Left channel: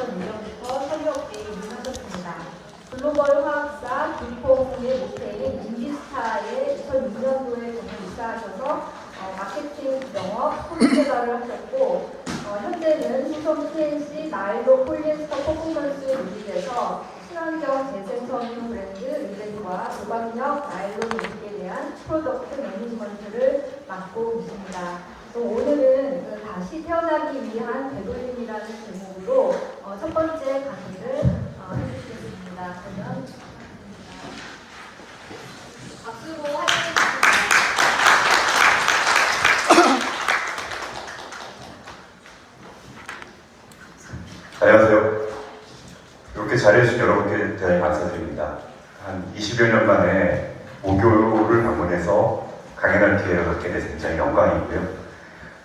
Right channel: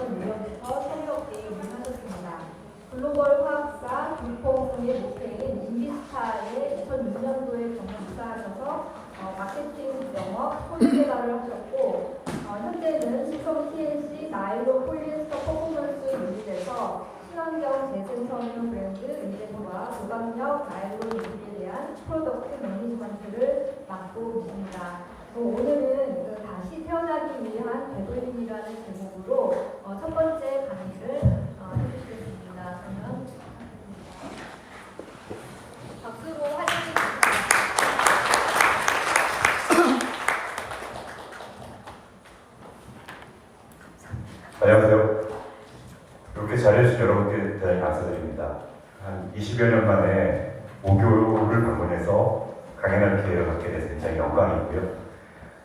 2002년부터 설계업계에 입문하셨습니다. 글로벌 화학사 김포구의 모태인 인비스타에 2006년도에 입사하셔서 마케팅 영업, 소비 개발을 하셨고 현재는 수성 TNC 나일로 폴리에스터 퍼포먼스 유닛에서 친환경 재생성인 브랜드 리베드와 무광력 나일론 유닛에 대한 프로덕트 매니지먼트를 맡고 계십니다. 오늘은 다시 태어나기 위한 되돌림이라는 제목으로 첫 번째 강의를 해주시겠습니다. 그러면 박수로 환영해 주십니다. 안녕하세요. 이렇게 잘해주신 여러분께 대단히 감사드립니다. 한 20여 년 만에 모교를 방문해서 강연할 기회를 갖게 돼서 굉장히 영광이고요.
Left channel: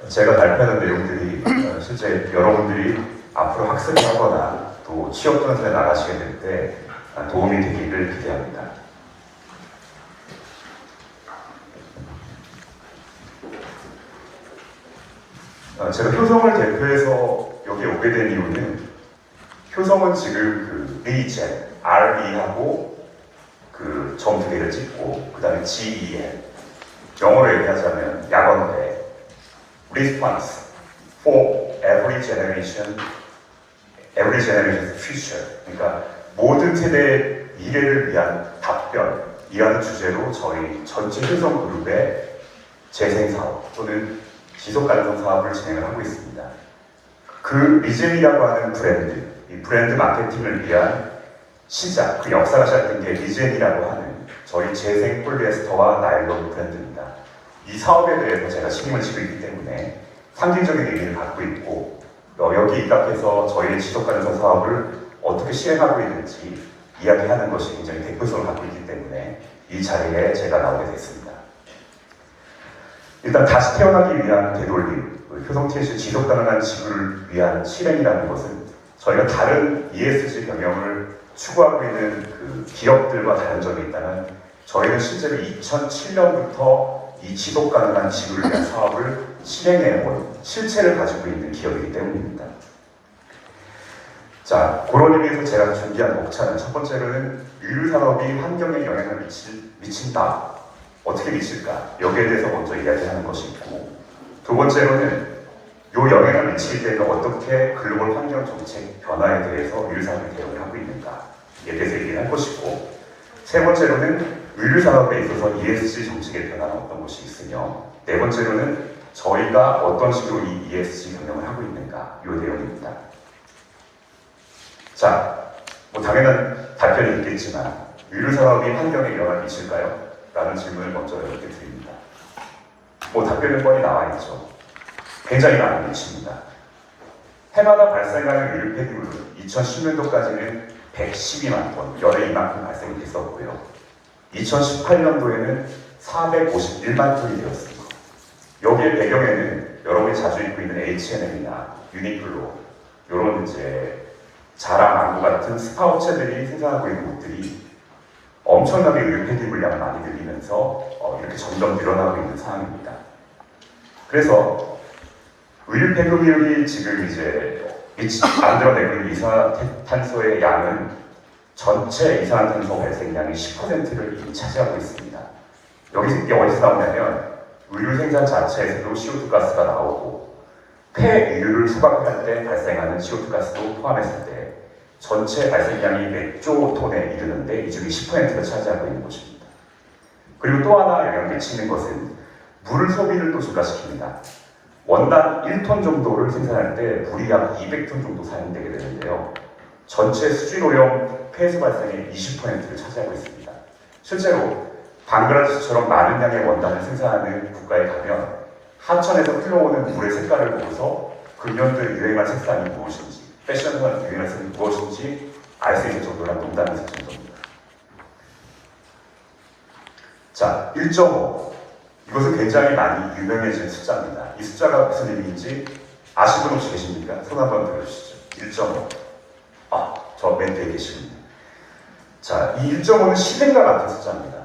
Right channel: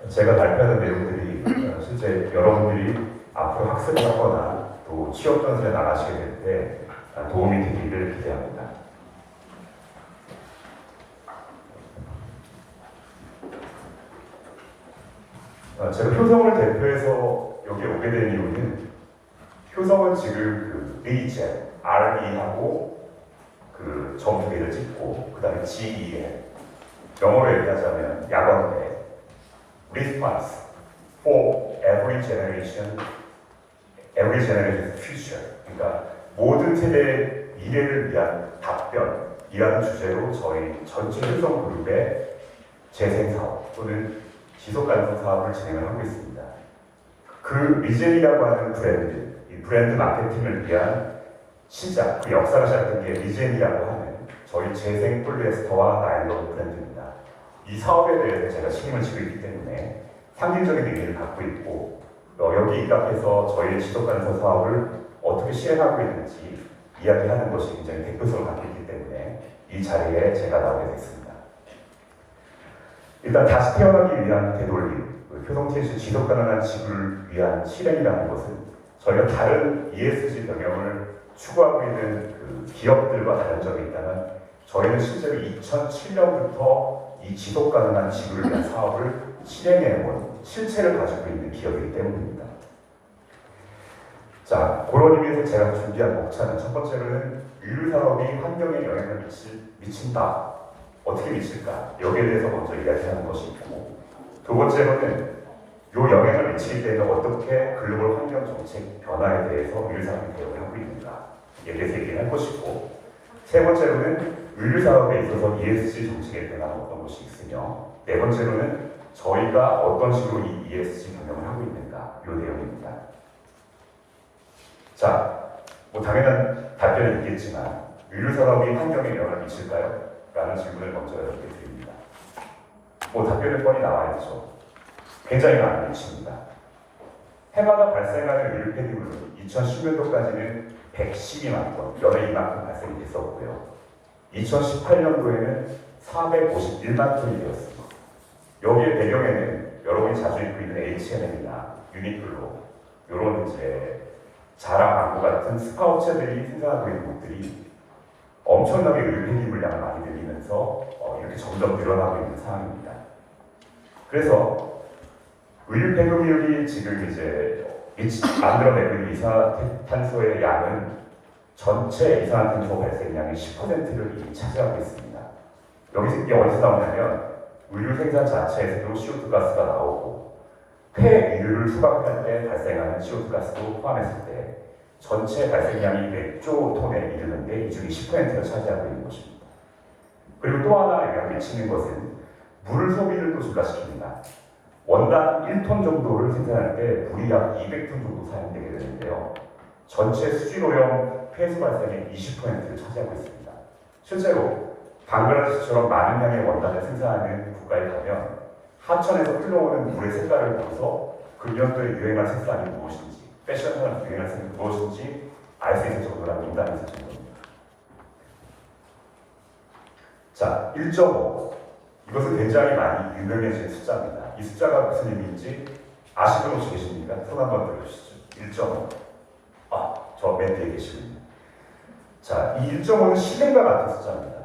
제가 발표하는 내용들이 실제 여러분들이 앞으로 학습을 하거나 또 취업 전선에 나가시게 될 때 도움이 되기를 기대합니다. 제가 효성을 대표해서 여기 오게 된 이유는 효성은 지금 그 리젠, RE하고 그 점 두 개를 찍고 그 다음에 GEN 영어로 얘기하자면 약언대 Response for every generation future. 그러니까 모든 세대의 미래를 위한 답변이라는 주제로 저희 전체 효성 그룹의 재생사업 또는 지속가능성 사업을 진행을 하고 있습니다. 그 리젠이라고 하는 브랜드, 이 브랜드 마케팅을 위한 시작, 그 역사가 시작된 게 리젠이라고 하는 저희 재생 폴리에스터와 나일론 브랜드입니다. 이 사업에 대해서 제가 책임을 지고 있기 때문에 상징적인 의미를 갖고 있고 여기 입각해서 저희의 지속가능성 사업을 어떻게 실행하고 있는지 이야기하는 것이 굉장히 대표성을 갖고 있기 때문에 이 자리에 제가 나오게 됐습니다. 일단 다시 태어나기 위한 되돌림, 효성 TNC 지속가능한 지구를 위한 실행이라는 것은 저희가 다른 ESG 경영을 추구하고 있는 그 기업들과 다른 점이 있다면 저희는 실제로 2007년부터 이 지속가능한 지구를 위한 사업을 실행해온 실체를 가지고 있는 기업이기 때문입니다. 자, 그런 의미에서 제가 준비한 목차는 첫 번째로는 의류산업이 환경에 영향을 미친다. 어떻게 미칠까? 여기에 대해서 먼저 이야기하는 것이 있고, 두 번째로는 이 영향을 미치기 때문에 어떻게 글로벌 환경 정책 변화에 대해서 의류산업이 대응을 하고 있는가에 대해서 얘기를 할 것이고, 세 번째로는 의류산업에 있어서 ESG 정책의 변화가 어떤 것이 있으며, 네 번째로는 저희가 어떤 식으로 이 ESG 경영을 하고 있는가, 이 내용입니다. 자, 뭐 당연한 답변이 있겠지만 의류산업이 환경에 영향을 미칠까요? 라는 질문을 먼저 이렇게 드립니다. 뭐 답변은 뻔히 나와 있죠. 굉장히 많이 미칩니다. 해마다 발생하는 의류 폐기물은 2010년도까지는 112만 톤, 열에 이만큼 발생이 됐었고요. 2018년도에는 451만 톤이 되었습니다. 여기에 배경에는 여러분이 자주 입고 있는 H&M이나 유니클로 이런 이제 자라, 아구 같은 스파 업체들이 생산하고 있는 곳들이 엄청나게 의류 폐기 물량을 많이 늘리면서 이렇게 점점 늘어나고 있는 상황입니다. 그래서 의류 폐기물이 지금 이제 만들어내고 있는 이산화탄소의 양은 전체 이산화탄소 발생량의 10%를 이미 차지하고 있습니다. 이게 어디서 나오냐면 의류 생산 자체에서도 CO2 가스가 나오고 폐의류를 수확할 때 발생하는 CO2 가스도 포함했을 때 전체 발생량이 몇 조 톤에 이르는데 이 중에 10%가 차지하고 있는 것입니다. 그리고 또 하나 영향을 미치는 것은 물 소비를 또 증가시킵니다. 원당 1톤 정도를 생산할 때 물이 약 200톤 정도 사용되게 되는데요. 전체 수질오염 폐수 발생의 20%를 차지하고 있습니다. 실제로 방글라데시처럼 많은 양의 원단을 생산하는 국가에 가면 하천에서 흘러오는 물의 색깔을 보고서 금년도에 유행한 색상이 무엇인지, 패션을 유행한 색이 무엇인지 알 수 있는 정도란 농담이 있을 정도입니다. 자, 1.5. 이것은 굉장히 많이 유명해진 숫자입니다. 이 숫자가 무슨 의미인지 아시는 분 혹시 계십니까? 손 한번 들어주시죠. 1.5. 저 맨 뒤에 계시군요. 자, 이 1.5는 시대가 같은 숫자입니다.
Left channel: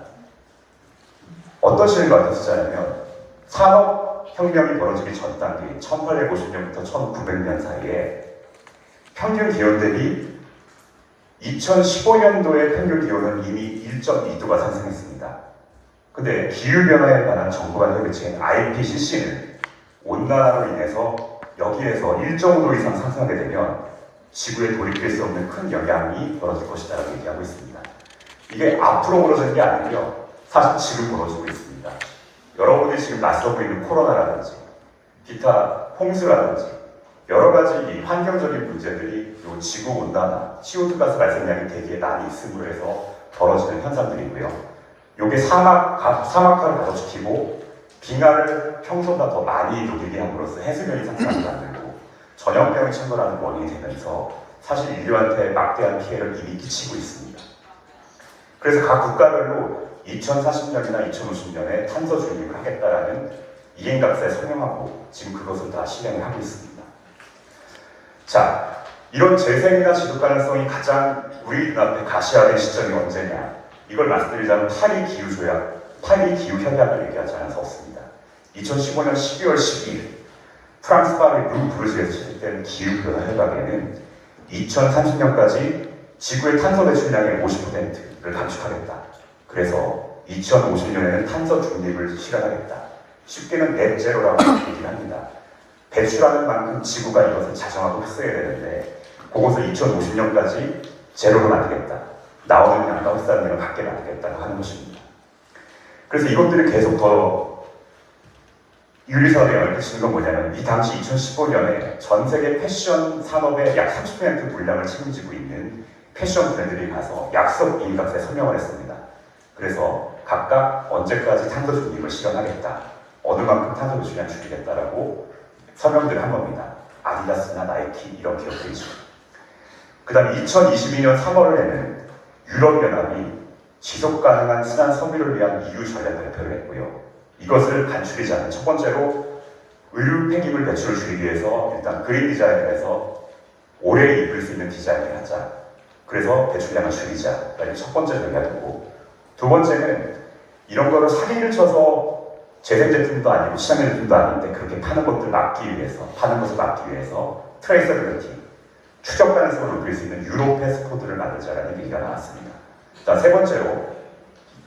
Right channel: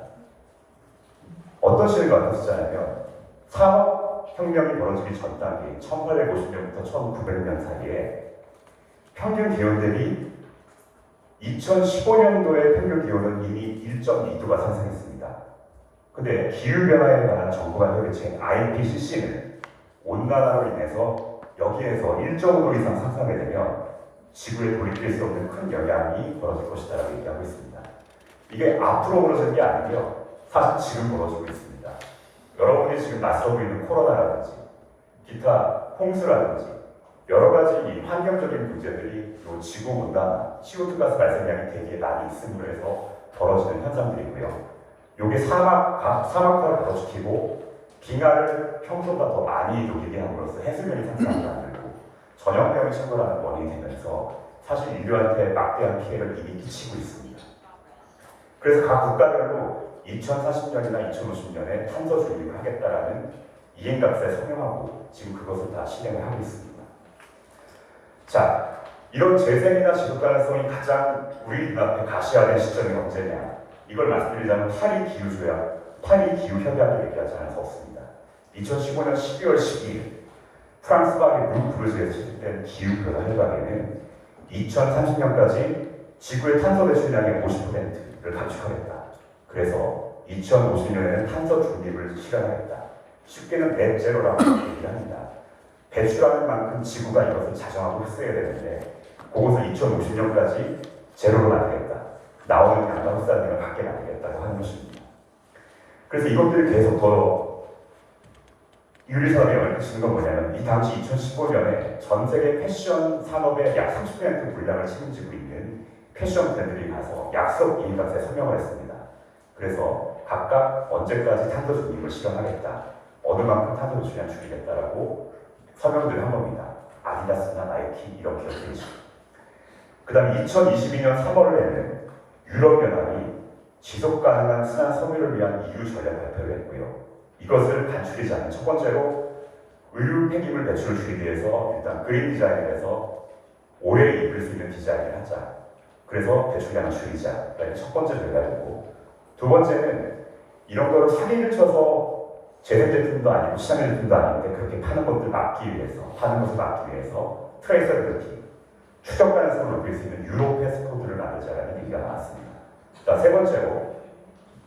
어떤 시대가 같은 숫자냐면 산업혁명이 벌어지기 전 단계인 1850년부터 1900년 사이에 평균 기온 대비 2015년도의 평균 기온은 이미 1.2도가 상승했습니다. 근데 기후변화에 관한 정부 간 협의체인 IPCC는 온난화로 인해서 여기에서 1.5도 이상 상승하게 되면 지구에 돌이킬 수 없는 큰 영향이 벌어질 것이라고 얘기하고 있습니다. 이게 앞으로 벌어지는 게 아니고요. 사실 지금 벌어지고 있습니다. 여러분이 지금 낯서고 있는 코로나라든지 기타 홍수라든지 여러 가지 이 환경적인 문제들이 이 지구 온난화, CO2 가스 발생량이 대기에 많이 있음으로 해서 벌어지는 현상들이고요. 이게 사막화를 더 시키고 빙하를 평소보다 더 많이 녹이게 함으로써 해수면이 상승하게 만들고 전염병이 침몰하는 원인이 되면서 사실 인류한테 막대한 피해를 이미 끼치고 있습니다. 그래서 각 국가별로 2040년이나 2050년에 탄소 중립을 하겠다라는 이행각서에 서명하고 지금 그것을 다 실행을 하고 있습니다. 자, 이런 재생이나 지속 가능성이 가장 우리 눈앞에 가시화된 시점이 언제냐? 이걸 말씀드리자면 파리 기후협약을 얘기하지 않을 수 없습니다. 2015년 12월 12일 프랑스 파리 르브르지에서 채택된 기후변화 협약에는 2030년까지 지구의 탄소 배출량의 50%를 감축하겠다. 그래서 2050년에는 탄소 중립을 실현하겠다. 쉽게는 넷제로라고 얘기를 합니다. 배출하는 만큼 지구가 이것을 자정하고 흡수해야 되는데 그것을 2050년까지 제로로 만들겠다. 나오는 양과 흡수하는 양을 같게 만들겠다고 하는 것입니다. 그래서 이것들이 계속 더 윤리선에 얽히시는 건 뭐냐면 이 당시 2015년에 전 세계 패션 산업의 약 30% 분량을 책임지고 있는 패션 브랜드들이 가서 약속 이행각서에 서명을 했습니다. 그래서 각각 언제까지 탄소 중립을 실현하겠다. 어느 만큼 탄소 배출량 줄이겠다라고 서명들을 한 겁니다. 아디다스나 나이키 이런 기업들이죠. 그 다음에 2022년 3월에는 유럽연합이 지속가능한 순환 섬유를 위한 EU 전략 발표를 했고요. 이것을 간추리자는 첫 번째로 의류 폐기물 배출을 줄이기 위해서 일단 그린 디자인에서 오래 입을 수 있는 디자인을 하자. 그래서 배출량을 줄이자. 이게 첫 번째 전략이고 두 번째는 이런 거를 사기를 쳐서 재생 제품도 아니고 친환경 제품도 아닌데 그렇게 파는 것을 막기 위해서 트레이서빌리티, 추적 가능성을 높일 수 있는 유로 패스코드를 만들자라는 얘기가 나왔습니다. 자,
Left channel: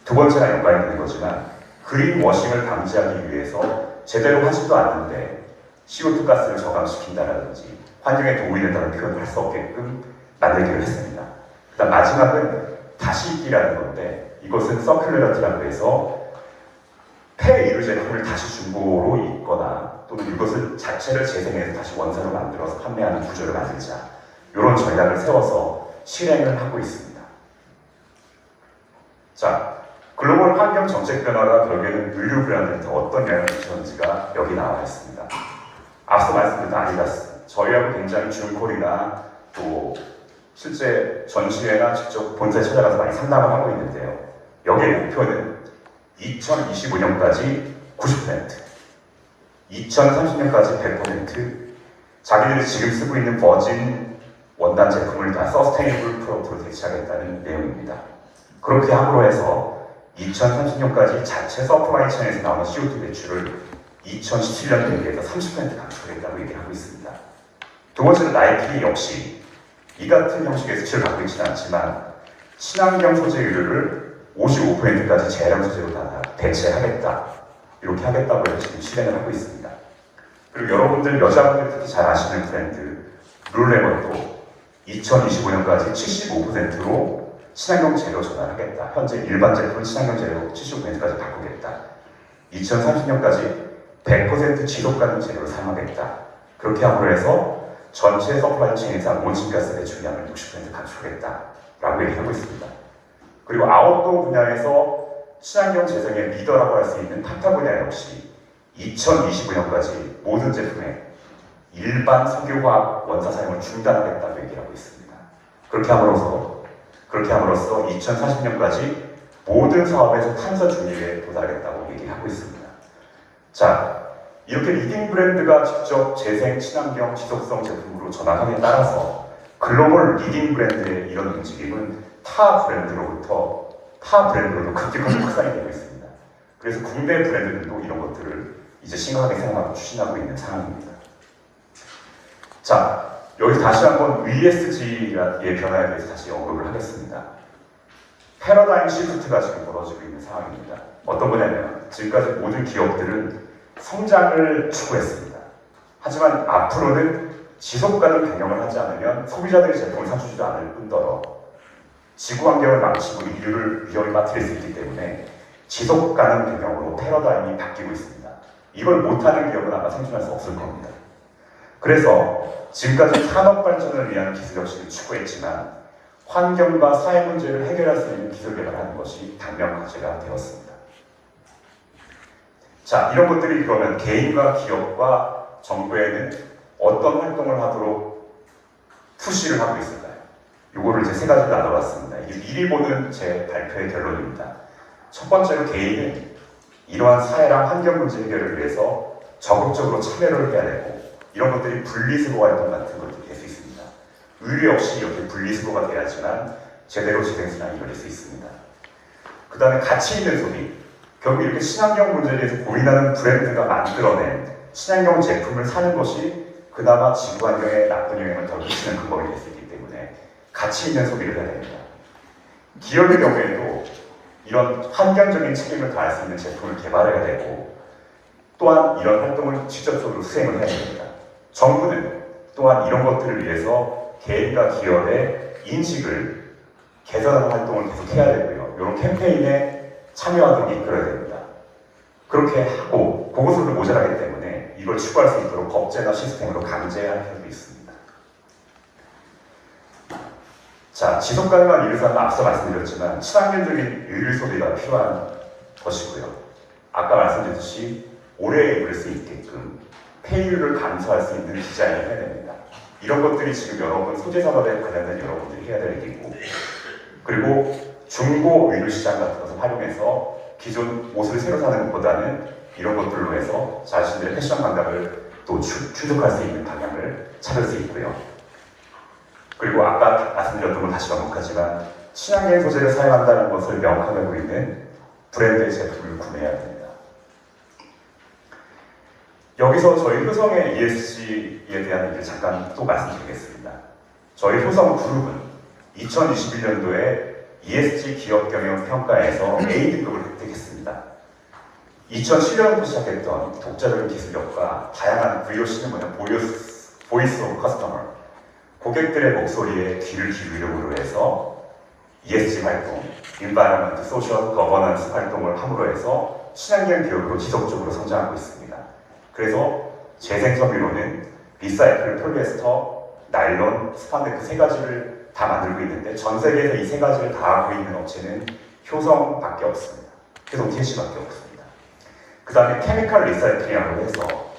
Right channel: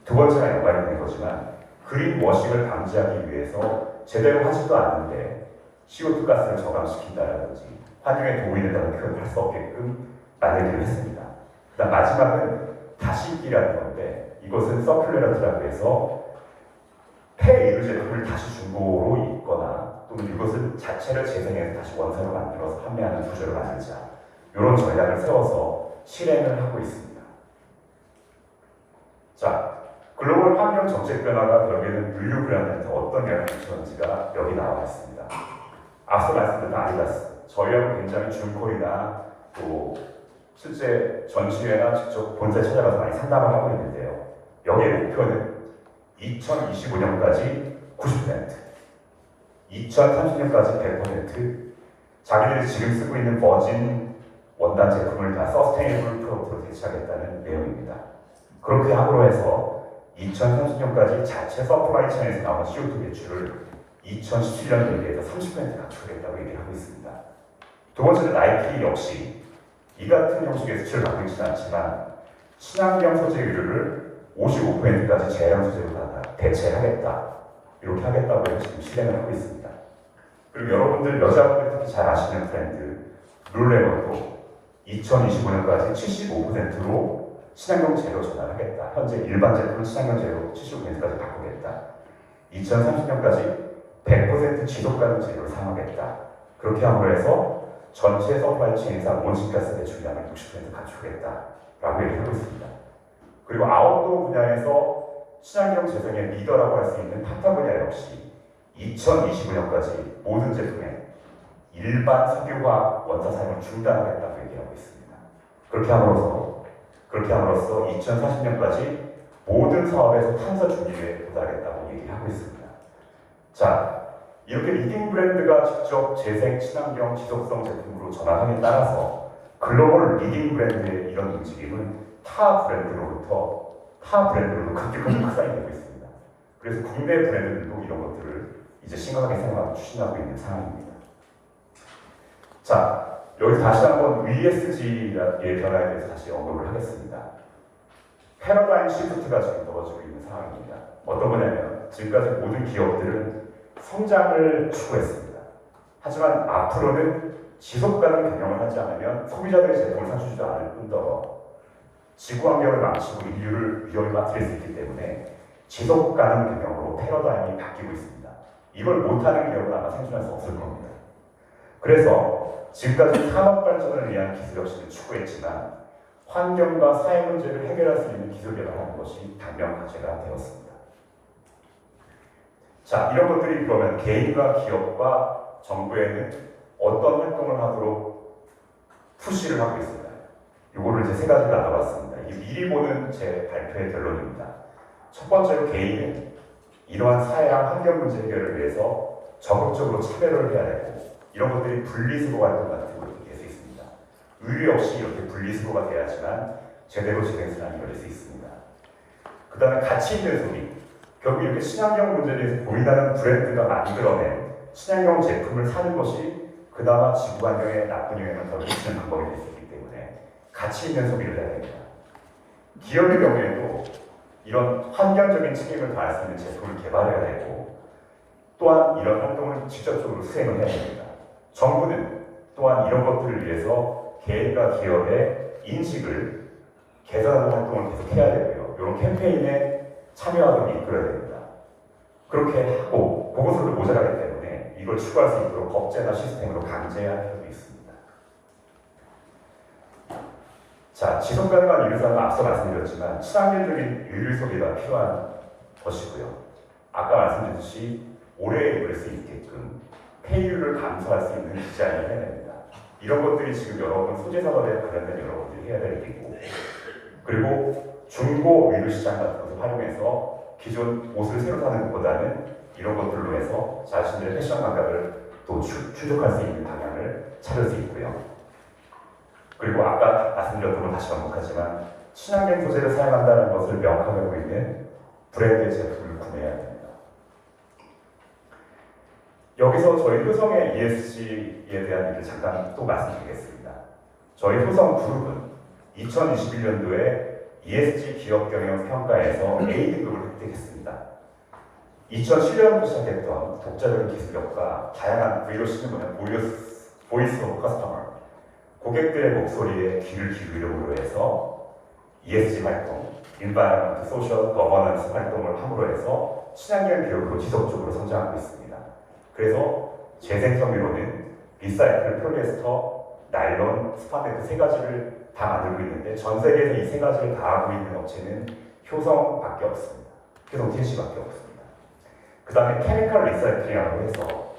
두 번째나 연관이 되는 거지만 그린 워싱을 방지하기 위해서 제대로 하지도 않는데 CO2 가스를 저감시킨다라든지 환경에 도움이 된다는 표현을 할 수 없게끔 만들기로 했습니다. 그다음 마지막은 다시 입기라는 건데 이것은 서큘러리티라고 해서 폐의류 제품을 다시 중고로 입거나 또는 이것을 자체를 재생해서 다시 원산을 만들어서 판매하는 구조를 만들자. 이런 전략을 세워서 실행을 하고 있습니다. 자, 글로벌 환경 정책 변화가 결국에는 의류 브랜드한테 어떤 영향을 미쳤는지가 여기 나와 있습니다. 앞서 말씀드린 아디다스, 저희하고 굉장히 줄콜이나 또 실제 전시회나 직접 본사에 찾아가서 많이 상담을 하고 있는데요. 여기의 목표는 2025년까지 90%, 2030년까지 100%, 자기들이 지금 쓰고 있는 버진 원단 제품을 다 서스테이너블 프로덕트로 대체하겠다는 내용입니다. 그렇게 함으로 해서 2030년까지 자체 서플라이 체인에서 나오는 CO2 배출을 2017년 대비해서 30% 감축하겠다고 얘기하고 있습니다. 두 번째는 나이키 역시 이 같은 형식의 수치를 갖고 있지는 않지만 친환경 소재 의류를 55%까지 재활용 소재로 다 대체하겠다. 이렇게 하겠다고 해서 지금 실행을 하고 있습니다. 그리고 여러분들 여자분들 특히 잘 아시는 브랜드 룰레몬도 2025년까지 75%로 친환경 재료 전환하겠다. 현재 일반 제품 친환경 재료로 75%까지 바꾸겠다. 2030년까지 100% 지속 가능 재료를 사용하겠다. 그렇게 함으로 해서 전체 서플라이 체인에서 온실가스 배출량을 60% 감축하겠다라고 얘기하고 있습니다. 그리고 아웃도어 분야에서 친환경 재생의 리더라고 할 수 있는 탁타 분야 역시 2025년까지 모든 제품에 일반 석유화학 원사 사용을 중단하겠다고 얘기하고 있습니다. 그렇게 함으로써 2040년까지 모든 사업에서 탄소 중립에 도달하겠다고 얘기하고 있습니다. 자, 이렇게 리딩 브랜드가 직접 재생, 친환경, 지속성 제품으로 전환함에 따라서 글로벌 리딩 브랜드의 이런 움직임은 타 브랜드로도 급격하게 확산이 되고 있습니다. 그래서 국내 브랜드들도 이런 것들을 이제 심각하게 생각하고 추진하고 있는 상황입니다. 자, 여기서 다시 한번 ESG의 변화에 대해서 다시 언급을 하겠습니다. 패러다임 시프트가 지금 벌어지고 있는 상황입니다. 어떤 거냐면 지금까지 모든 기업들은 성장을 추구했습니다. 하지만 앞으로는 지속가능 경영을 하지 않으면 소비자들의 제품을 사주지도 않을 뿐더러 지구 환경을 망치고 인류를 위험에 빠뜨릴 수 있기 때문에 지속가능 경영으로 패러다임이 바뀌고 있습니다. 이걸 못하는 기업은 아마 생존할 수 없을 겁니다. 그래서 지금까지 산업 발전을 위한 기술 혁신을 추구했지만 환경과 사회 문제를 해결할 수 있는 기술 개발하는 것이 당면 과제가 되었습니다. 자, 이런 것들이 그러면 개인과 기업과 정부에는 어떤 활동을 하도록 푸시를 하고 있을까요? 이거를 이제 세 가지로 나눠봤습니다. 이게 미리 보는 제 발표의 결론입니다. 첫 번째로 개인은 이러한 사회랑 환경 문제 해결을 위해서 적극적으로 참여를 해야 되고 이런 것들이 분리수거 활동 같은 것들이 될 수 있습니다. 의료 역시 이렇게 분리수거가 돼야지만 제대로 재생산이 이루어질 수 있습니다. 그 다음에 가치 있는 소비. 결국 이렇게 친환경 문제에 대해서 보인다는 브랜드가 만들어낸 친환경 제품을 사는 것이 그나마 지구 환경에 나쁜 영향을 덜 끼치는 근본이 될 수 있기 때문에 가치 있는 소비를 해야 됩니다. 기업의 경우에도 이런 환경적인 책임을 다할 수 있는 제품을 개발해야 되고 또한 이런 활동을 직접적으로 수행을 해야 됩니다. 정부는 또한 이런 것들을 위해서 개인과 기업의 인식을 개선하는 활동을 계속 해야 되고요. 이런 캠페인에 참여하도록 이끌어야 됩니다. 그렇게 하고 그것으로 모자라기 때문에 이걸 추구할 수 있도록 법제나 시스템으로 강제할 필요도 있습니다. 자, 지속가능한 의료산은 앞서 말씀드렸지만 친환경적인 의류 소비가 필요한 것이고요. 아까 말씀드렸듯이 오래 입을 수 있게끔 폐유를 감소할 수 있는 디자인을 해야 됩니다. 이런 것들이 지금 여러분 소재산업에 관련된 여러분들이 해야 될 일이고 그리고 중고 의류 시장 같은 것을 활용해서 기존 옷을 새로 사는 것보다는 이런 것들로 해서 자신들의 패션 감각을 또 추적할 수 있는 방향을 찾을 수 있고요. 그리고 아까 말씀드렸던 걸 다시 반복하지만 친환경 소재를 사용한다는 것을 명확하게 하고 있는 브랜드의 제품을 구매해야 됩니다. 여기서 저희 효성의 ESG에 대한 얘기를 잠깐 또 말씀드리겠습니다. 저희 효성 그룹은 2021년도에 ESG 기업 경영 평가에서 A 등급을 획득했습니다. 2007년부터 시작했던 독자적인 기술력과 다양한 VOC는 뭐냐, 보이스 오브 커스터머, 고객들의 목소리에 귀를 기울임으로 해서 ESG 활동, Environment, Social, Governance 활동을 함으로 해서 친환경 기업으로 지속적으로 성장하고 있습니다. 그래서 재생섬유로는 리사이클, 폴리에스터, 나일론, 스판덱스 세 가지를 다 만들고 있는데 전 세계에서 이 세 가지를 다 하고 있는 업체는 효성밖에 없습니다. 효성 TC밖에 없습니다. 그 다음에 케미컬 리사이클이라고 해서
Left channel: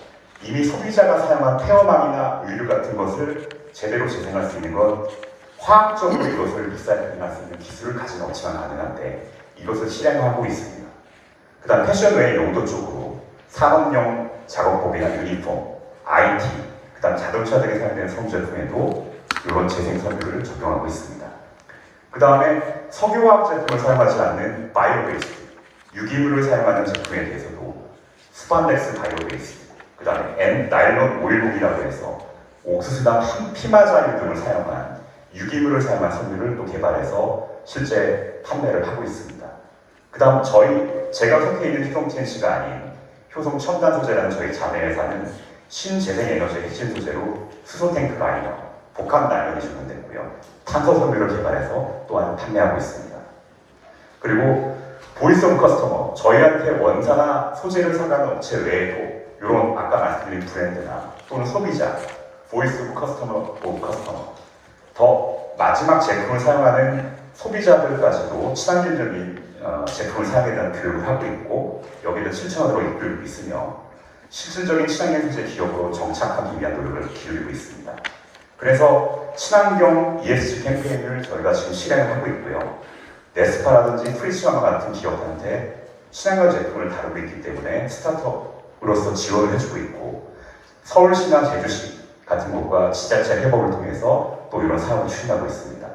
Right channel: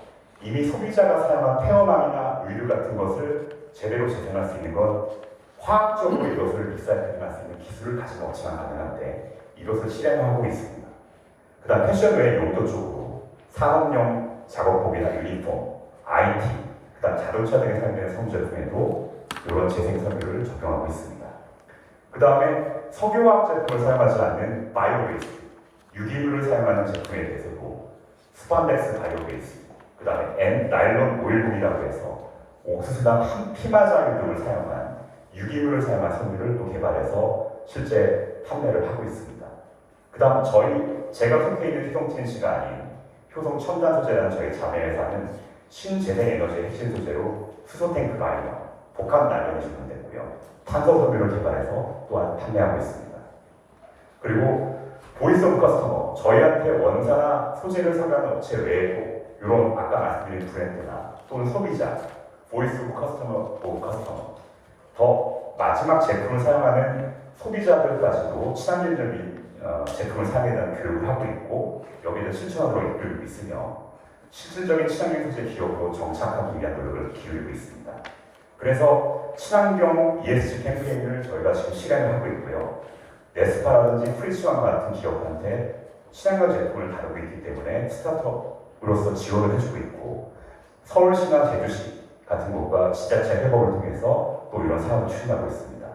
이미 소비자가 사용한 폐어망이나 의류 같은 것을 제대로 재생할 수 있는 건 화학적으로 이것을 리사이클할 수 있는 기술을 가진 업체만 가능한데 이것을 실행하고 있습니다. 그 다음 패션 외의 용도 쪽으로 산업용 작업복이나 유니폼, IT, 그 다음 자동차 등에 사용되는 성제품에도 이런 재생섬유를 적용하고 있습니다. 그 다음에 석유화학 제품을 사용하지 않는 바이오베이스트, 유기물을 사용하는 제품에 대해서도 스판덱스 바이오베이스트, 그 다음에 나일론 오일봉이라고 해서 옥수수나 피마자유 등을 사용한 유기물을 사용한 섬유를 또 개발해서 실제 판매를 하고 있습니다. 그 다음 제가 속해 있는 효성 TNC가 아닌 효성 첨단 소재라는 저희 자매 회사는 신재생 에너지 핵심 소재로 수소 탱크 라이너, 복합 나일론이 적용됐고요. 탄소 섬유를 개발해서 또한 판매하고 있습니다. 그리고 보이스 오브 커스터머, 저희한테 원사나 소재를 사가는 업체 외에도 이런 아까 말씀드린 브랜드나 또는 소비자, 보이스 오브 커스터머, 더 마지막 제품을 사용하는 소비자들까지도 친환경적인 제품을 사용에 대한 교육을 하고 있고 여기를 실천하도록 이끌고 있으며 실질적인 친환경 소재 기업으로 정착하기 위한 노력을 기울이고 있습니다. 그래서 친환경 ESG 캠페인을 저희가 지금 실행을 하고 있고요. 네스파라든지 프리츠왕 같은 기업한테 친환경 제품을 다루고 있기 때문에 스타트업으로서 지원을 해주고 있고 서울시나 제주시 같은 곳과 지자체 협업을 통해서 또 이런 사업을 추진하고 있습니다.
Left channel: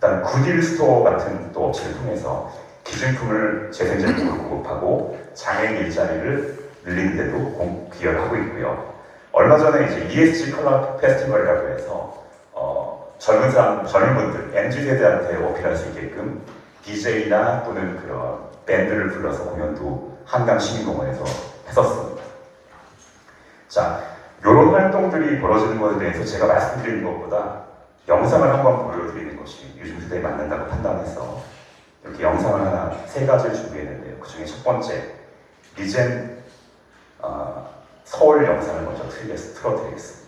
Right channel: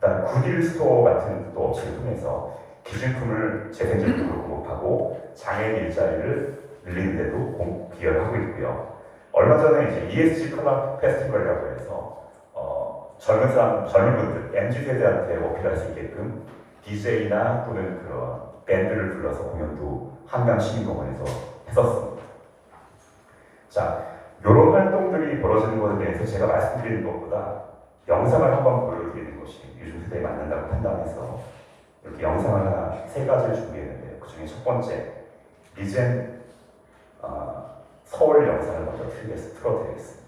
그다음 굿일 스토어 같은 또 업체를 통해서 기준품을 재생제품으로 공급하고 장애인 일자리를 늘리는 데도 기여를 하고 있고요. 얼마 전에 이제 ESG 클럽 페스티벌이라고 해서 젊은 분들, MZ 세대한테 어필할 수 있게끔 DJ나 또는 그런 밴드를 불러서 공연도 한강 시민공원에서 했었습니다. 자, 이런 활동들이 벌어지는 것에 대해서 제가 말씀드리는 것보다 영상을 한번 보여드리는 것이 요즘 세대에 맞는다고 판단해서 이렇게 영상을 하나 3가지를 준비했는데요. 그 중에 첫 번째, 리젠 서울 영상을 먼저 틀어드리겠습니다.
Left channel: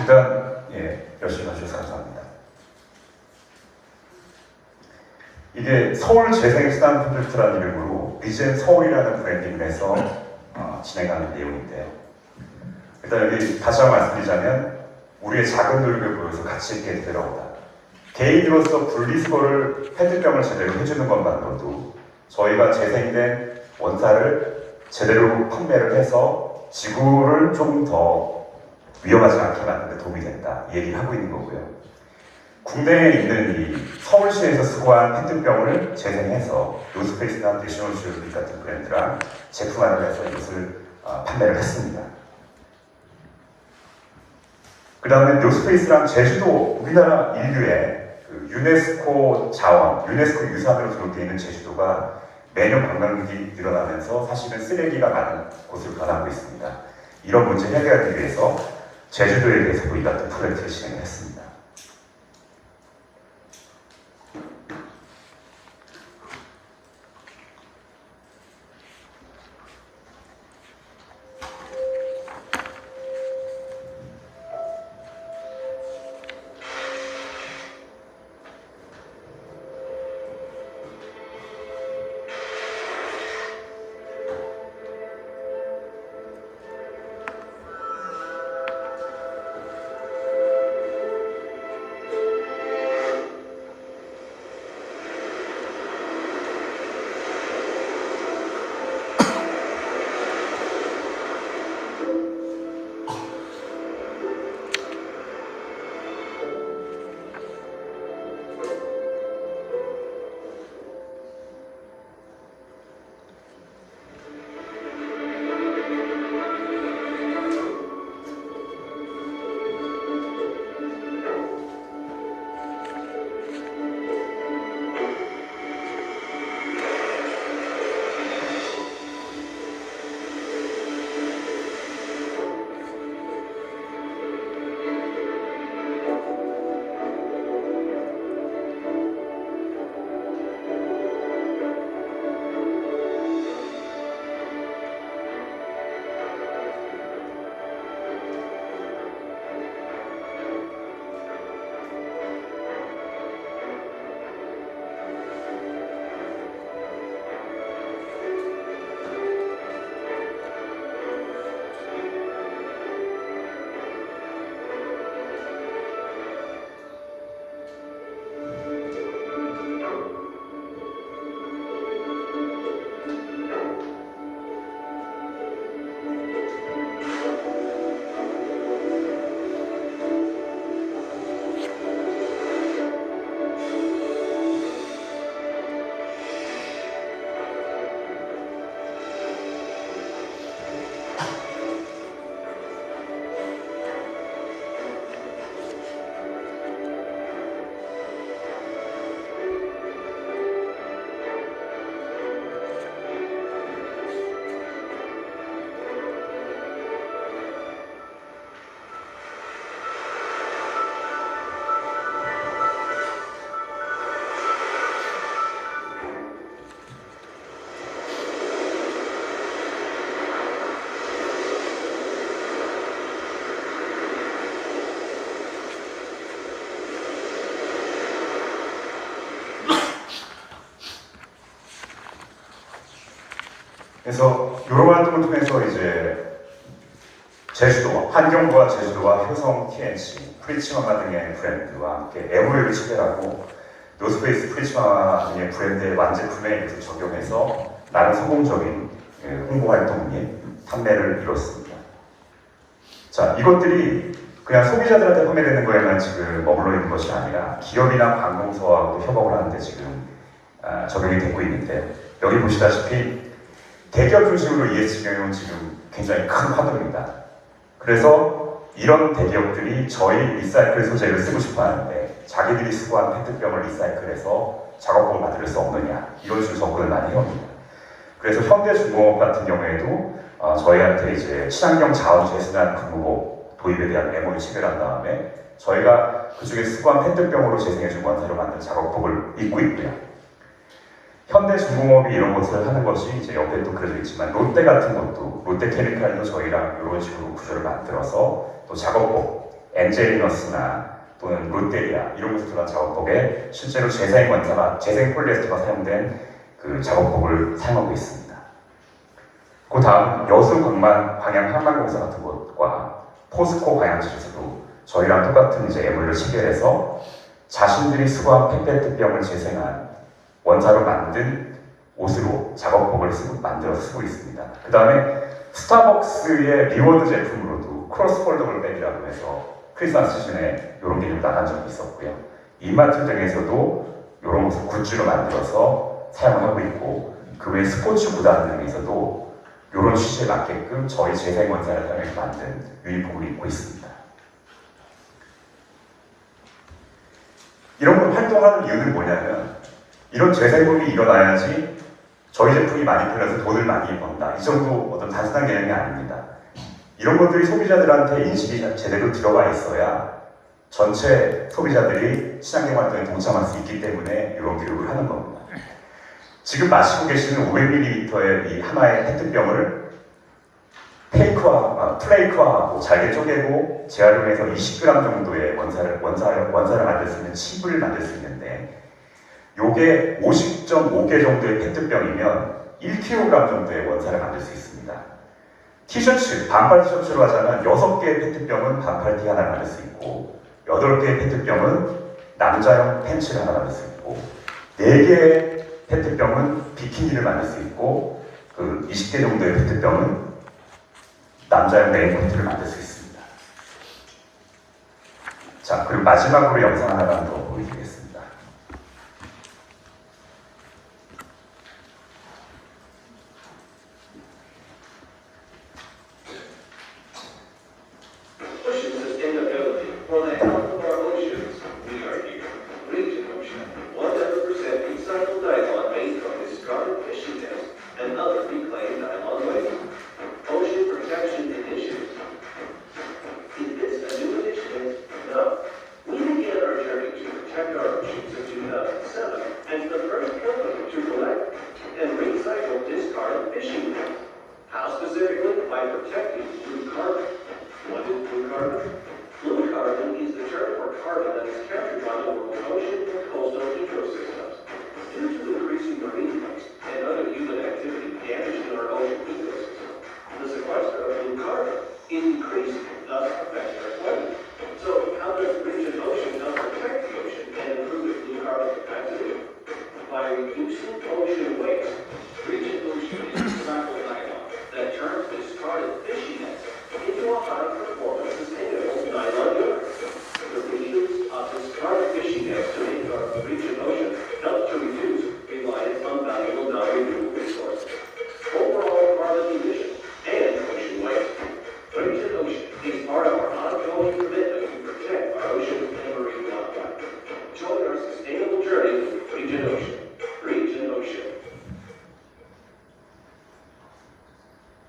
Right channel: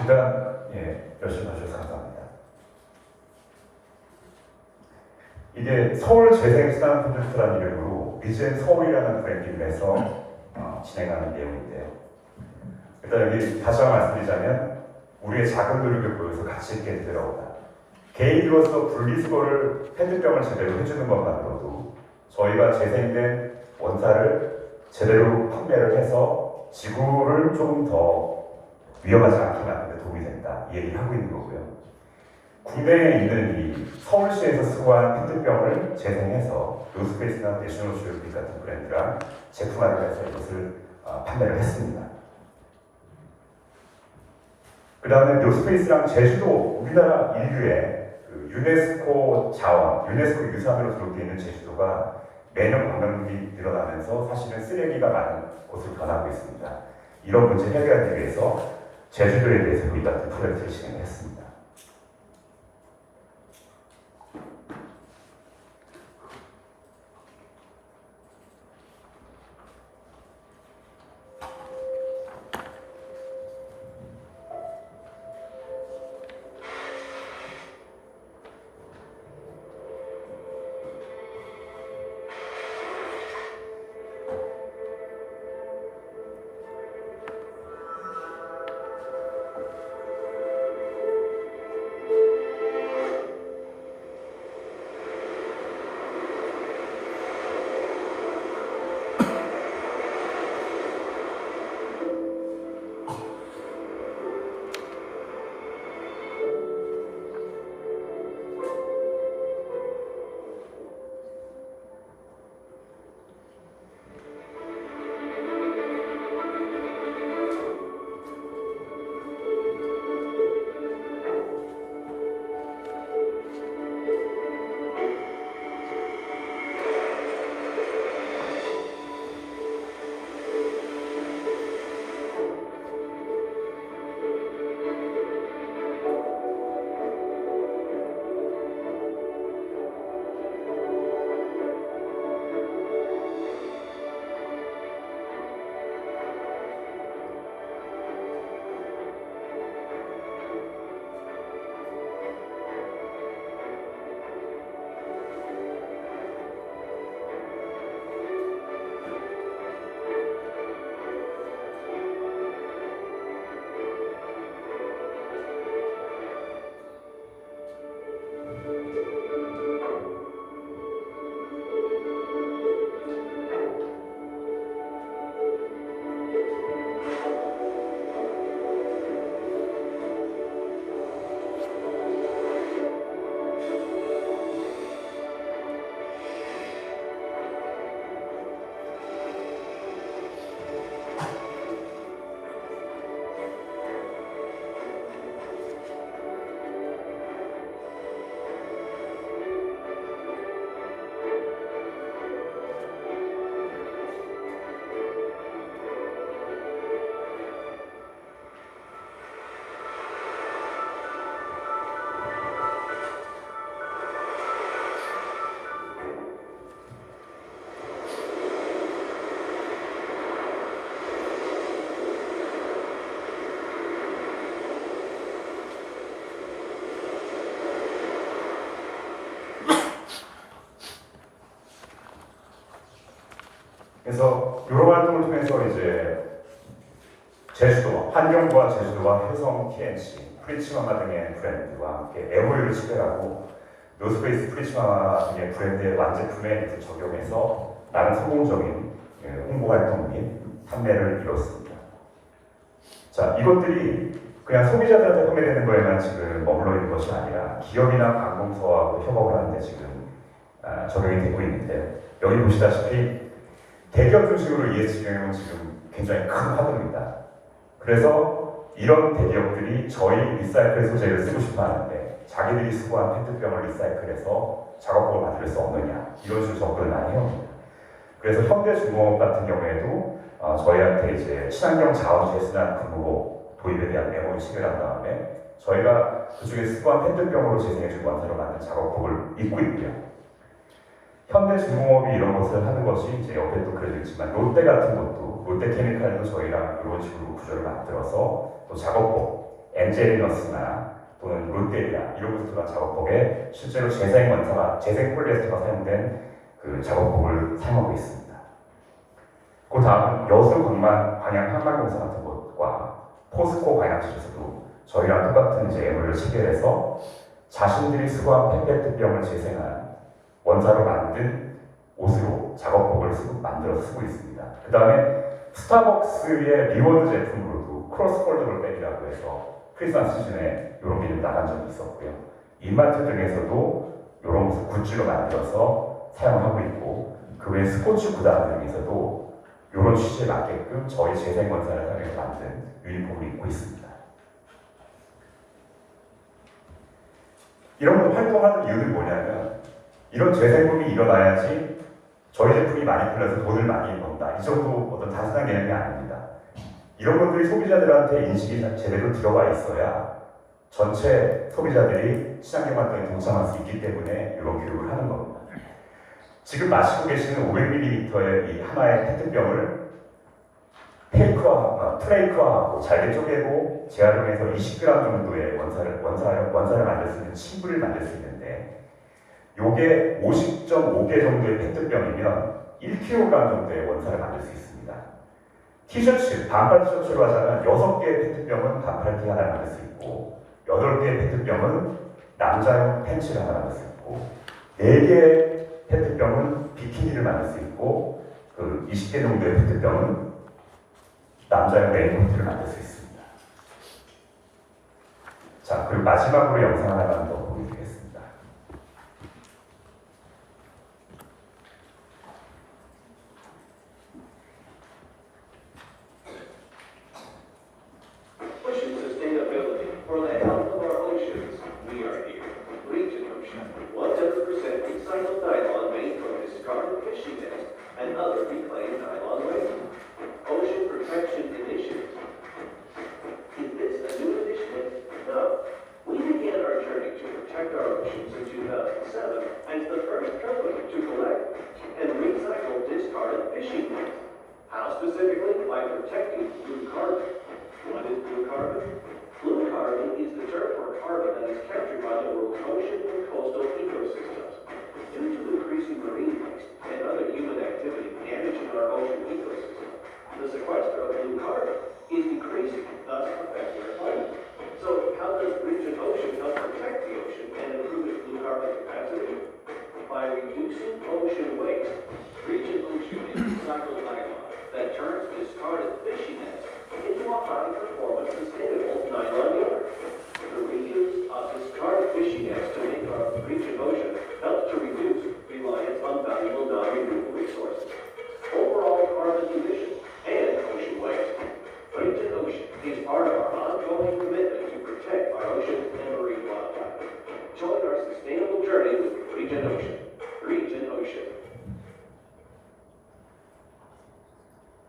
일단 열심히 해주셔서 감사합니다. 이게 서울 재생 프로젝트라는 이름으로 리젠 서울이라는 브랜딩을 해서 진행하는 내용인데요. 일단 여기 다시 한번 말씀드리자면 우리의 작은 노력을 보여서 가치 있게 되어오다. 개인으로서 분리수거를 페트병을 제대로 해주는 것만으로도 저희가 재생된 원사를 제대로 판매를 해서 지구를 좀 더 위험하지 않게 만드는 데 도움이 된다. 이 얘기를 하고 있는 거고요. 국내에 있는 이 서울시에서 수거한 페트병을 재생해서 노스페이스나 내셔널 지오그래픽 같은 브랜드랑 제품화를 해서 이것을 판매를 했습니다. 그 다음에 노스페이스랑 제주도, 우리나라 인류의 그 유네스코 자원, 유네스코 유산으로 등록되어 있는 제주도가 매년 관광객이 늘어나면서 사실은 쓰레기가 많은 곳으로 변하고 있습니다. 이런 문제 해결하기 위해서 제주도에 대해서 우리 같은 프로젝트를 진행했습니다. 그래서 이런 활동을 통해서 이제 제주도, 환경부와 제주도와 효성 TNC, 프리츠마마 등의 브랜드와 함께 MOU를 체결하고 노스페이스 프리츠마마 등의 브랜드의 완제품에 적용해서 나름 성공적인 홍보 활동 및 판매를 이뤘습니다. 자, 이것들이 그냥 소비자들한테 판매되는 거에만 지금 머물러 있는 것이 아니라 기업이나 관공서하고 협업을 하는데 지금 적용이 되고 있는데, 여기 보시다시피 대기업 중심으로 ESG 경영은 지금 굉장히 큰 화두입니다. 그래서 이런 대기업들이 저희 리사이클 소재를 쓰고 싶어 하는데 자기들이 수거한 페트병을 리사이클해서 작업복을 만들 수 없느냐, 이런 식으로 접근을 많이 해옵니다. 그래서 현대중공업 같은 경우에도 저희한테 이제 친환경 자원 재생산 근무복 도입에 대한 MOU 체결한 다음에 저희가 그중에 수거한 페트병으로 재생해준 원재료 만든 작업복을 입고 있고요. 현대중공업이 이런 것을 하는 것이 이제 옆에 또 그려져 있지만 롯데 같은 것도, 롯데케미칼도 저희랑 이런 식으로 구조를 만들어서 또 작업복, 엔젤리너스나 또는 롯데리아 이런 곳에서 들어간 작업복에 실제로 재생 폴리에스터가 사용된 그 작업복을 사용하고 있습니다. 그 다음 여수 방향 항만공사 같은 곳과 포스코 방향지에서도 저희랑 똑같은 이제 MOU를 체결해서 자신들이 수거한 페트병을 재생한 원자로 만든 옷으로 작업복을 만들어서 쓰고 있습니다. 그 다음에 스타벅스의 리워드 제품으로도 크로스 폴더블 백이라고 해서 크리스마스 시즌에 이런 게 나간 적이 있었고요. 이마트 등에서도 이런 것을 굿즈로 만들어서 사용하고 있고, 그 외 스포츠 구단 등에서도 이런 취지에 맞게끔 저희 재생원사를 사용해서 만든 유니폼을 입고 있습니다. 이런 걸 활동하는 이유는 뭐냐면, 이런 재생품이 일어나야지 저희 제품이 많이 팔려서 돈을 많이 번다, 이 정도 어떤 단순한 개념이 아닙니다. 이런 것들이 소비자들한테 인식이 제대로 들어가 있어야 전체 소비자들이 친환경 활동에 동참할 수 있기 때문에 이런 교육을 하는 겁니다. 지금 마시고 계시는 500ml의 이 하나의 페트병을 플레이크화하고 잘게 쪼개고 재활용해서 20g 정도의 원사를 만들 수 있는 칩을 만들 수 있는데, 요게 50.5개 정도의 페트병이면 1kg 정도의 원사를 만들 수 있습니다. 티셔츠, 반팔 티셔츠로 하자면 6개의 페트병은 반팔티 하나 만들 수 있고, 8개의 페트병은 남자용 팬츠를 하나 만들 수 있고, 4개의 페트병은 비키니를 만들 수 있고, 그 20개 정도의 페트병은 남자용 레인코트를 만들 수 있습니다. 자, 그리고 마지막으로 영상 하나만 더 보여드리겠습니다. Pushing sustainability for the health of our oceans, we are here. Region Ocean, 100% recycled nylon made from discarded fishing nets and other reclaimed nylon waste. Ocean Protection Initiative. Is this a new initiative? No. We began our journey to protect our oceans in 2007 as the first company to collect and recycle discarded fishing nets. How specifically? By protecting blue carbon. What is blue carbon? Blue carbon is the term for carbon that is captured by the world's ocean and coastal ecosystems. Due to increasing marine waste and other human activity damaging our ocean ecosystem, the sequester of blue carbon is increasing, thus affecting our climate. So how does Region Ocean help protect the ocean and improve its blue carbon capacity? By reducing ocean waste. Region Ocean is recycled nylon that turns discarded fishing nets into a high-performance sustainable nylon yarn. The reuse of discarded fishing nets to make our Region Ocean helps to reduce reliance on valuable non-renewable resources, overall carbon emissions, and ocean waste. Region Ocean is part of our ongoing commitment to protect our oceans and marine wildlife. Join our sustainable journey with Region Ocean. Region Ocean.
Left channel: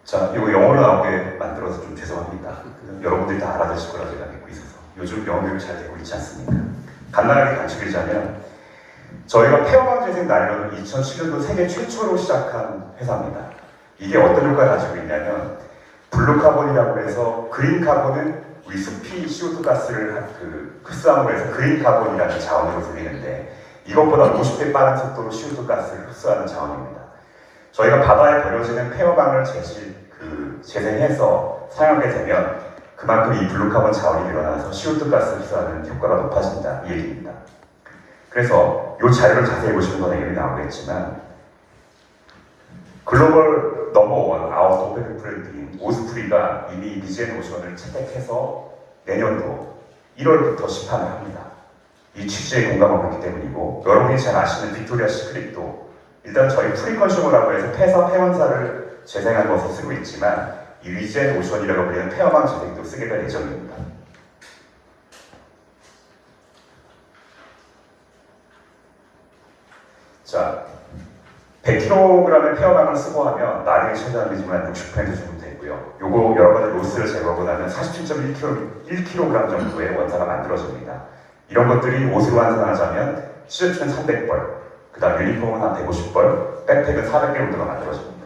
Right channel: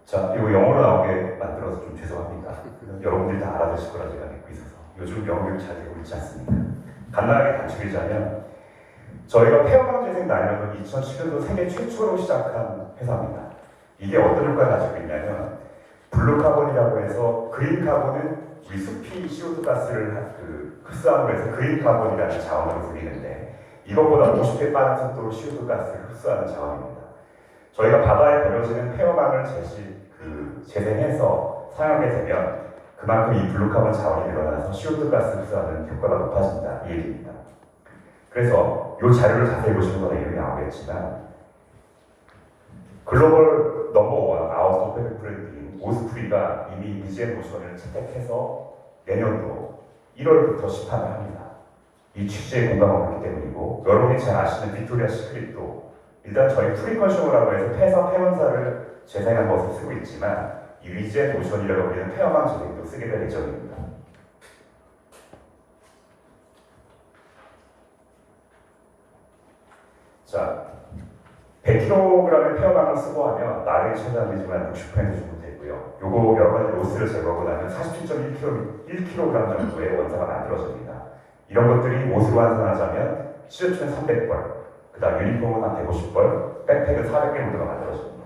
자, 이거 영어로 나오게 만들어서 좀 죄송합니다. 여러분들이 다 알아듣실 거라 제가 믿고 있어서. 요즘 영어 교육 잘 되고 있지 않습니까? 간단하게 간추리자면, 저희가 폐화방 재생 나일론을 2007년도 세계 최초로 시작한 회사입니다. 이게 어떤 효과를 가지고 있냐면, 블루카본이라고 해서, 그린카본은 우리 숲이 CO2 가스를 흡수함으로 해서 그린카본이라는 자원으로 불리는데, 이것보다 50배 빠른 속도로 CO2 가스를 흡수하는 자원입니다. 저희가 바다에 버려지는 폐허방을 재생해서 사용하게 되면 그만큼 이 블루카본 자원이 늘어나서 CO2 가스 흡수하는 효과가 높아진다 이 얘기입니다. 그래서 이 자료를 자세히 보시면 더 내용이 나오겠지만 글로벌 넘버원 아웃 오펙 브랜드인 오스프리가 이미 리젠 오션을 채택해서 내년도 1월부터 시판을 합니다. 이 취지에 공감하고 있기 때문이고 여러분이 잘 아시는 빅토리아 시크릿도 일단 저희 프리컨슈머라고 해서 폐원사를 재생한 것을 쓰고 있지만 이 리젠 오션이라고 불리는 폐허방 재생도 쓰게 될 예정입니다. 자, 100kg의 폐허방을 쓰고 하면 나중에 최저한이지만 60% 정도 되고요. 요거 여러 가지 로스를 제거하고 나면 47.1kg 정도의 원사가 만들어집니다. 이런 것들이 옷으로 환산하자면 티셔츠는 300벌, 그 다음 유니폼은 한 150벌, 백팩은 400개 정도가 만들어집니다.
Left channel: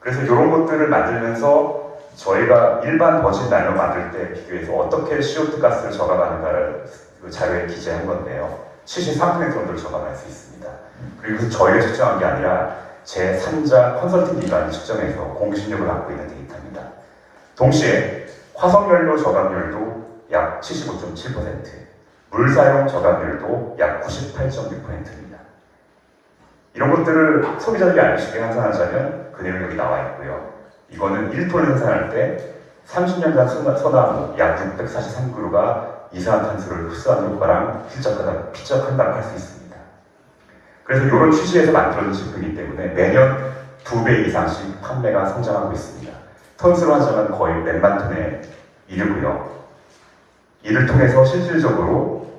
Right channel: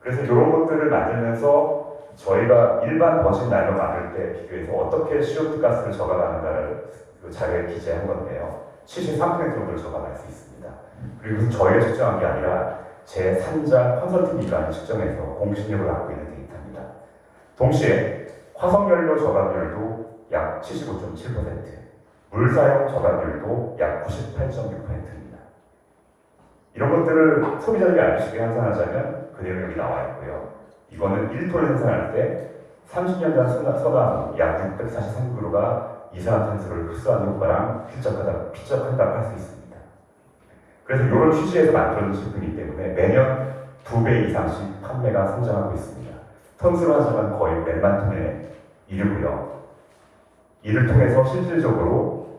그래서 이런 것들을 만들면서 저희가 일반 버진 라인을 만들 때 비교해서 어떻게 CO2 가스를 저감하는가를 그 자료에 기재한 건데요. 73% 정도를 저감할 수 있습니다. 그리고 저희가 측정한 게 아니라 제3자 컨설팅 기관이 측정해서 공신력을 갖고 있는 데이터입니다. 동시에 화석연료 저감률도 약 75.7%, 물사용 저감률도 약 98.6%입니다. 이런 것들을 소비자들이 알 수 있게 환산하자면 그 내용이 여기 나와 있고요. 이거는 1톤 생산할 때 30년 전 소나무 약 643그루가 이산화탄소를 흡수하는 효과랑 필적한다고 할 수 있습니다. 그래서 이런 취지에서 만들어진 제품이기 때문에 매년 2배 이상씩 판매가 성장하고 있습니다. 톤수로 하자면 거의 몇만 톤에 이르고요. 이를 통해서 실질적으로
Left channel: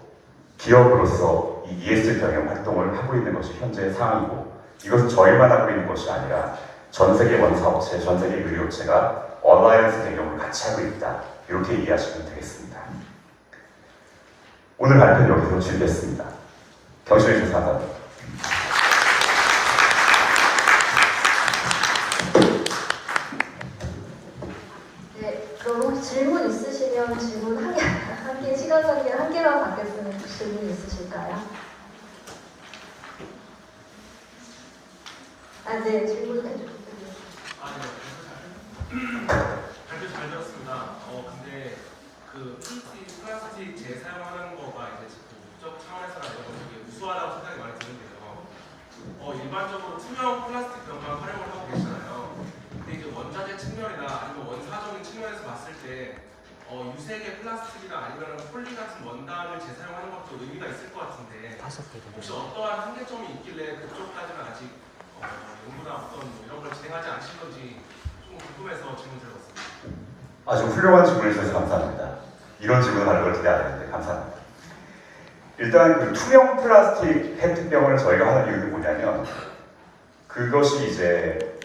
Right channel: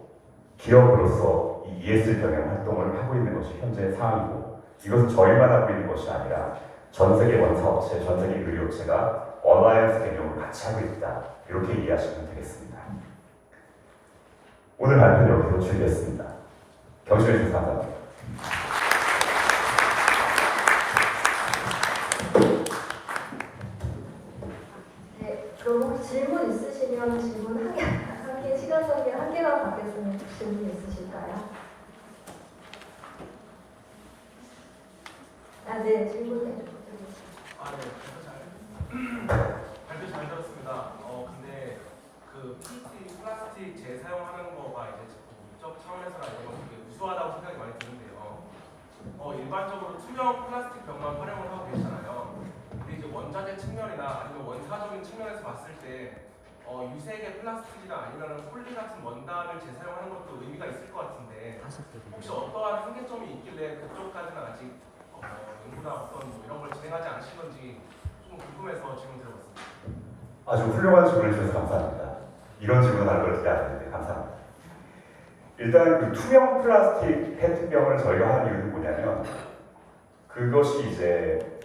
기업으로서 이 ESG 경영 활동을 하고 있는 것이 현재 상황이고 이것은 저희만 하고 있는 것이 아니라 전 세계 원사업체, 전 세계 의료업체가 얼라이언스 경영을 같이 하고 있다. 이렇게 이해하시면 되겠습니다. 오늘 발표는 여기서 준비했습니다. 경심해 주셔서 감사합니다. 네, 그럼 혹시 질문 있으시면 질문 한 개, 시간 관계 한 개만 받겠습니다. 질문 있으실까요? 네, 질문 해주세요. 발표 잘 들었습니다. 근데 그 PET 플라스틱 재사용하는 거가 이제 목적 차원에서나 이런 거 되게 우수하다고 생각이 많이 드는데요. 일반적으로 투명 플라스틱 병만 활용을 하고 계시잖아요. 근데 이제 원자재 측면이나 아니면 원사적인 측면에서 봤을 때 유색의 플라스틱이나 아니면 폴리 같은 원단을 재사용하는 것도 의미가 있을 것 같은데 혹시 어떠한 한계점이 있길래 그쪽까지는 아직 연구나 어떤 이런 걸 진행하지 않으신 건지 좀 궁금해서 질문 드려봤습니다. 아주 훌륭한 질문을 주셔서 감사합니다. 이런 질문하는 걸 기대 안 했는데 감사합니다. 일단 그 투명 플라스틱 페트병을 저희가 하는 이유는 뭐냐면 그것이 이제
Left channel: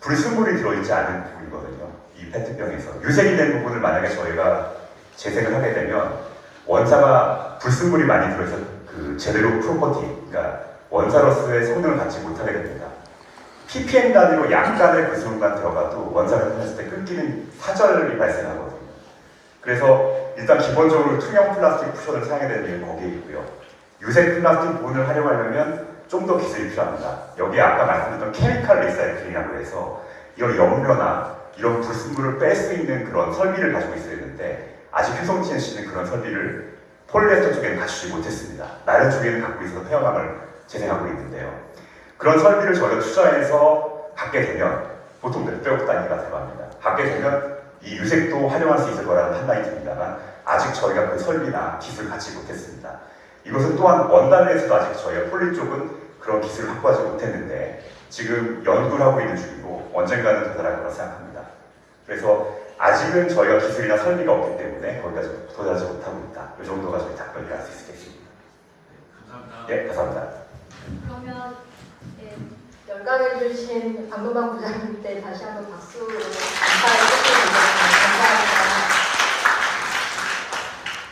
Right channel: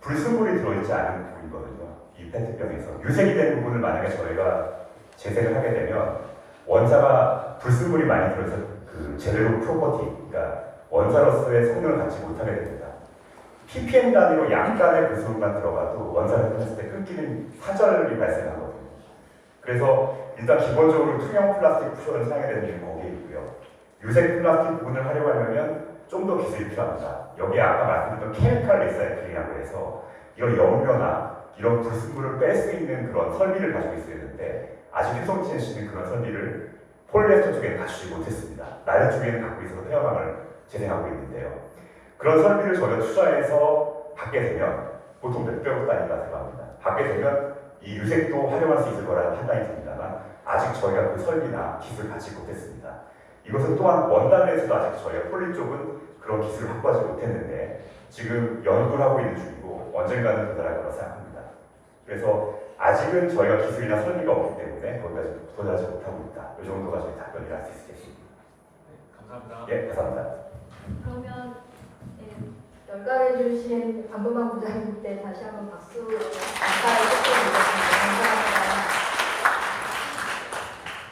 불순물이 들어있지 않은 부분이거든요. 이 페트병에서 유색이 된 부분을 만약에 저희가 재생을 하게 되면 원사가 불순물이 많이 들어있어 그 제대로 프로퍼티, 그러니까 원사로서의 성능을 갖지 못하게 됩니다. ppm 단위로 약간의 불순물만 들어가도 원사를 했을 때 끊기는 사절이 발생하거든요. 그래서 일단 기본적으로 투명 플라스틱 쿠션을 사용해야 되는 이유는 거기에 있고요. 유색 플라스틱 부분을 활용하려면 좀 더 기술이 필요합니다. 여기에 아까 말씀드렸던 케미칼 리사이클링이라고 해서 이런 염료나 이런 불순물을 뺄 수 있는 그런 설비를 가지고 있어야 되는데 아직 효성 TNC는 그런 설비를 폴리에스터 쪽에는 갖추지 못했습니다. 나일론 쪽에는 갖고 있어서 폐허방을 재생하고 있는데요. 그런 설비를 저희가 투자해서 갖게 되면 보통 몇백억 단위가 들어갑니다. 갖게 되면 이 유색도 활용할 수 있을 거라는 판단이 듭니다만 아직 저희가 그 설비나 기술을 갖지 못했습니다. 이것은 또한 원단에서도 아직 저희가 폴리 쪽은 그런 기술을 확보하지 못했는데 지금 연구를 하고 있는 중이고 언젠가는 도달할 거라고 생각합니다. 그래서 아직은 저희가 기술이나 설비가 없기 때문에 거기까지 도달하지 못하고 있다. 이 정도가 저희 답변을 할 수 있겠습니다. 네, 감사합니다. 예, 감사합니다. 그러면 열강해 주신 박노방 부장님께 다시 한번 박수 감사드립니다.